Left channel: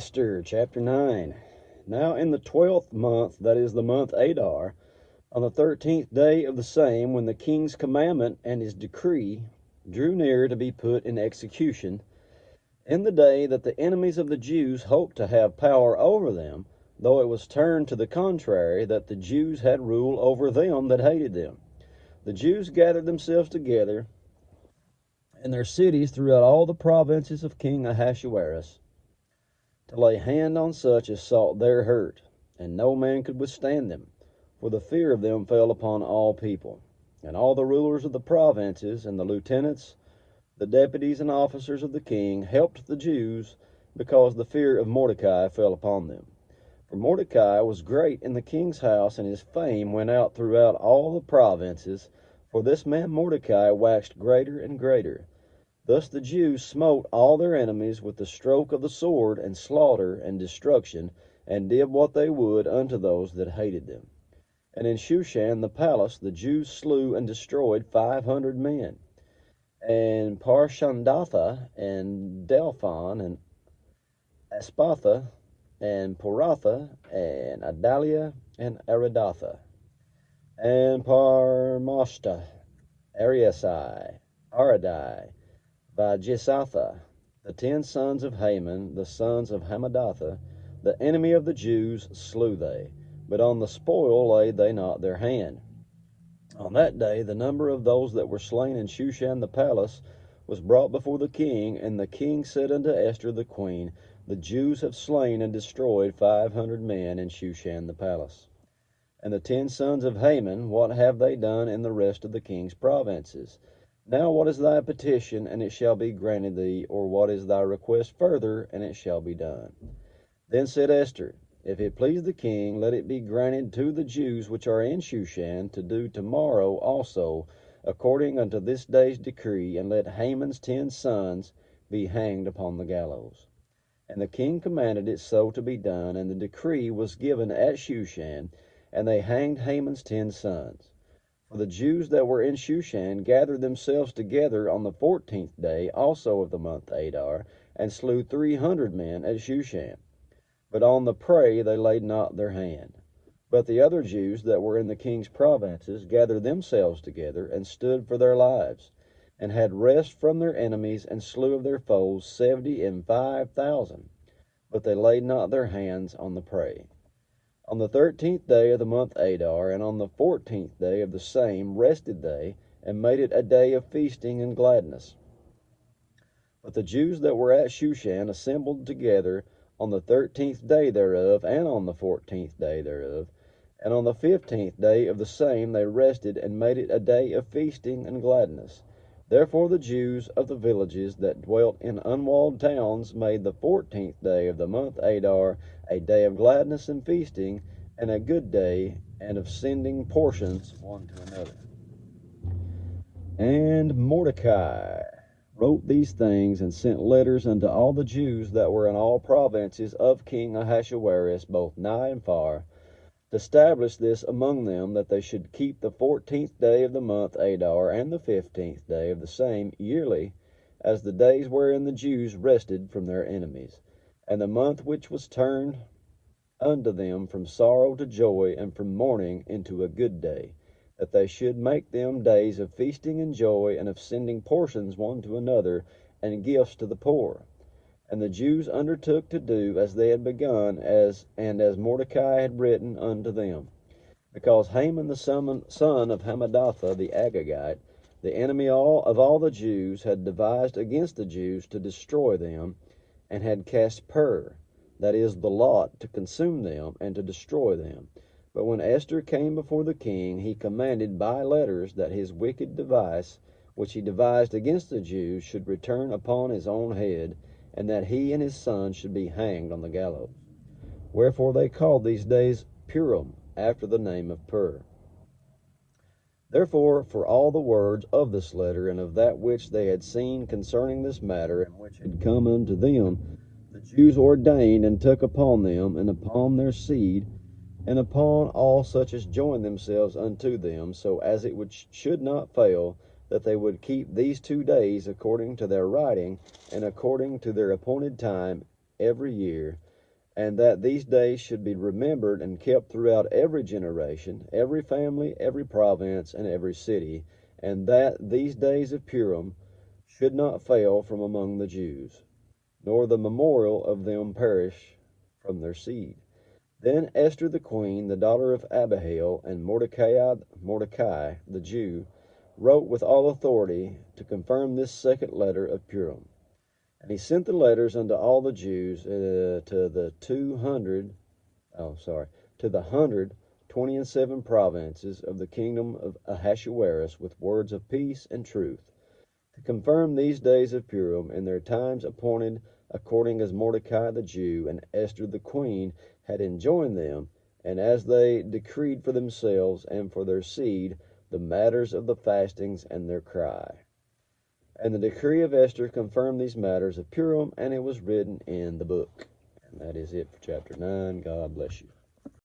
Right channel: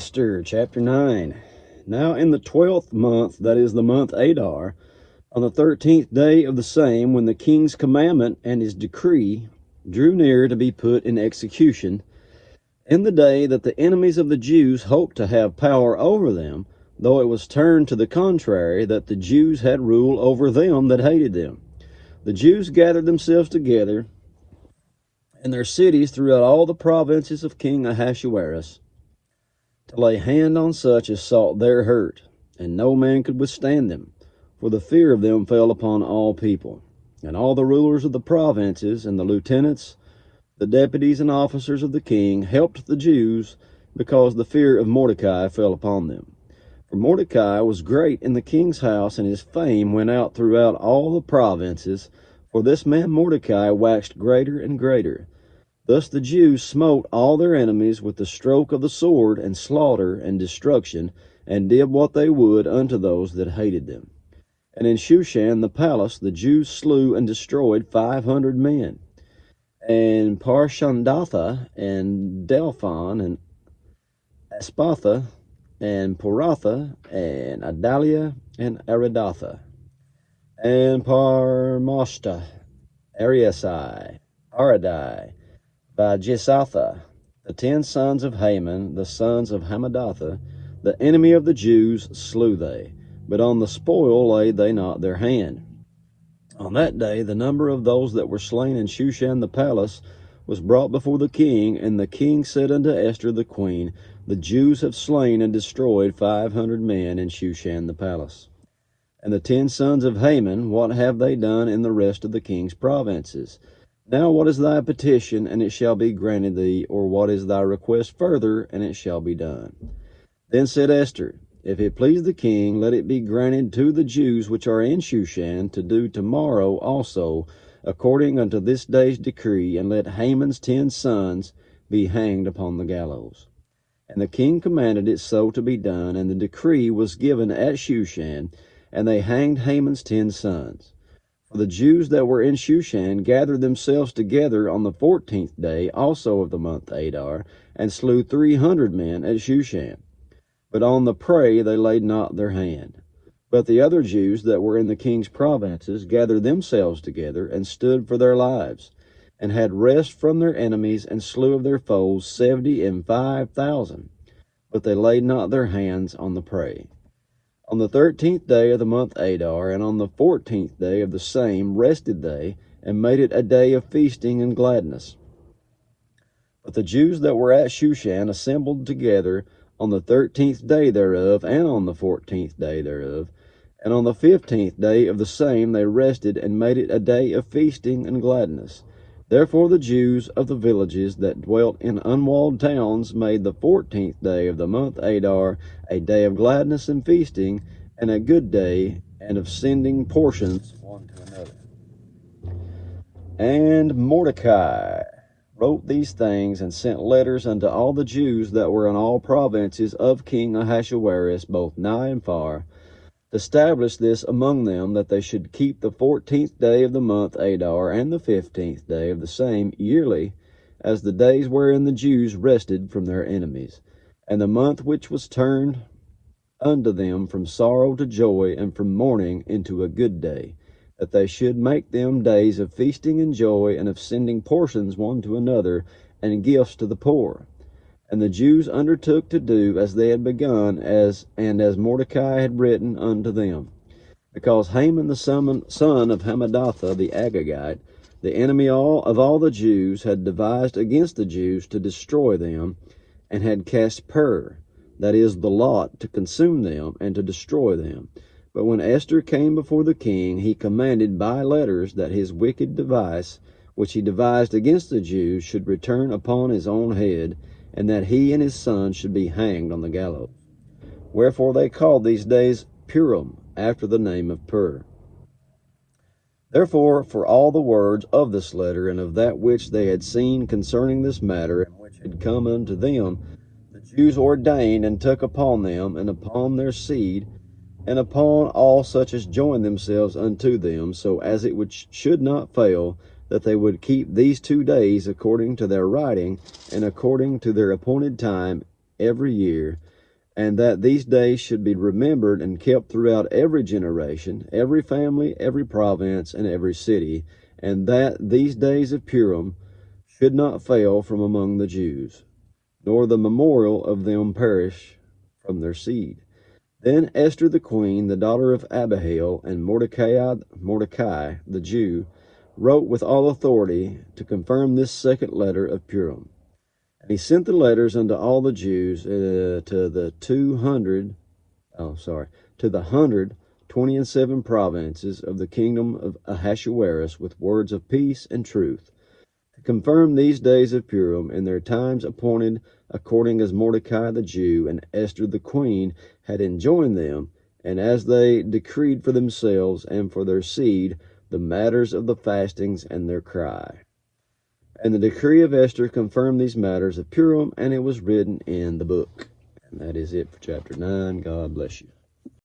Esther chapter 9. Now in the 12th month, that is the month Adar, on the 13th day of the same, when the king's commandment and his decree drew near to be put in execution, in the day that the enemies of the Jews hoped to have power over them, though it was turned to the contrary, that the Jews had rule over them that hated them, the Jews gathered themselves together in their cities throughout all the provinces of King Ahasuerus, to lay hand on such as sought their hurt, and no man could withstand them, for the fear of them fell upon all people. And all the rulers of the provinces, and the lieutenants, the deputies and officers of the king, helped the Jews, because the fear of Mordecai fell upon them. For Mordecai was great in the king's house, and his fame went out throughout all the provinces, for this man Mordecai waxed greater and greater. Thus the Jews smote all their enemies with the stroke of the sword, and slaughter, and destruction, and did what they would unto those that hated them. And in Shushan the palace the Jews slew and destroyed 500 men. And Parshandatha, and Delphon, and Aspatha, and Poratha, and Adalia, and Aridatha, and Parmashta, Ariasai, Aradai, by Jesatha, the 10 sons of Haman, the sons of Hamadatha, the enemy of the Jews, slew they, but on the spoil laid they not their hand. On that day the number of those that were slain in Shushan the palace was brought before the king, and the king said unto Esther the queen, The Jews have slain and destroyed 500 men in Shushan the palace. And the 10 sons of Haman, what have they done in the rest of the king's provinces? Now what is thy petition, and it shall be granted thee, or what is thy request further, and it shall be done? Then said Esther, If it please the king, let it be granted to the Jews which are in Shushan to do tomorrow also, according unto this day's decree, and let Haman's 10 sons be hanged upon the gallows. And the king commanded it so to be done, and the decree was given at Shushan, and they hanged Haman's 10 sons. For the Jews that were in Shushan gathered themselves together on the 14th day also of the month Adar, and slew 300 men at Shushan. But on the prey they laid not their hand. But the other Jews that were in the king's provinces gathered themselves together, and stood for their lives, and had rest from their enemies, and slew of their foes 75,000. But they laid not their hands on the prey. On the 13th day of the month Adar, and on the 14th day of the same, rested they, and made it a day of feasting and gladness. But the Jews that were at Shushan assembled together on the 13th day thereof, and on the 14th day thereof, and on the 15th day of the same they rested, and made it a day of feasting and gladness. Therefore the Jews of the villages that dwelt in unwalled towns made the 14th day of the month Adar a day of gladness and feasting, and a good day, and of sending portions one to another. And Mordecai wrote these things, and sent letters unto all the Jews that were in all provinces of King Ahasuerus, both nigh and far, to establish this among them, that they should keep the 14th day of the month Adar, and the 15th day of the same yearly, as the days wherein the Jews rested from their enemies, and the month which was turned unto them from sorrow to joy, and from mourning into a good day, that they should make them days of feasting and joy, and of sending portions one to another, and gifts to the poor. And the Jews undertook to do as they had begun, as Mordecai had written unto them. Because Haman the son of Hamadatha the Agagite, the enemy of all the Jews, had devised against the Jews to destroy them, and had cast pur, that is, the lot, to consume them, and to destroy them. But when Esther came before the king, he commanded by letters that his wicked device, which he devised against the Jews, should return upon his own head, and that he and his sons should be hanged on the gallows. Wherefore they called these days Purim, after the name of Pur. Therefore, for all the words of this letter, and of that which they had seen concerning this matter, and which had come unto them, the Jews ordained and took upon them, and upon their seed, and upon all such as joined themselves unto them, so as it should not fail, that they would keep these 2 days according to their writing, and according to their appointed time, every year, and that these days should be remembered and kept throughout every generation, every family, every province, and every city, and that these days of Purim should not fail from among the Jews, nor the memorial of them perish from their seed. Then Esther the queen, the daughter of Abihail, and Mordecai the Jew, wrote with all authority to confirm this second letter of Purim. And he sent the letters unto all the Jews to the 127 provinces of the kingdom of Ahasuerus with words of peace and truth, to confirm these days of Purim in their times appointed, according as Mordecai the Jew and Esther the queen had enjoined them, and as they decreed for themselves and for their seed the matters of the fastings and their cry. And the decree of Esther confirmed these matters of Purim, and it was written in the book. And that is it for chapter 9. God bless you.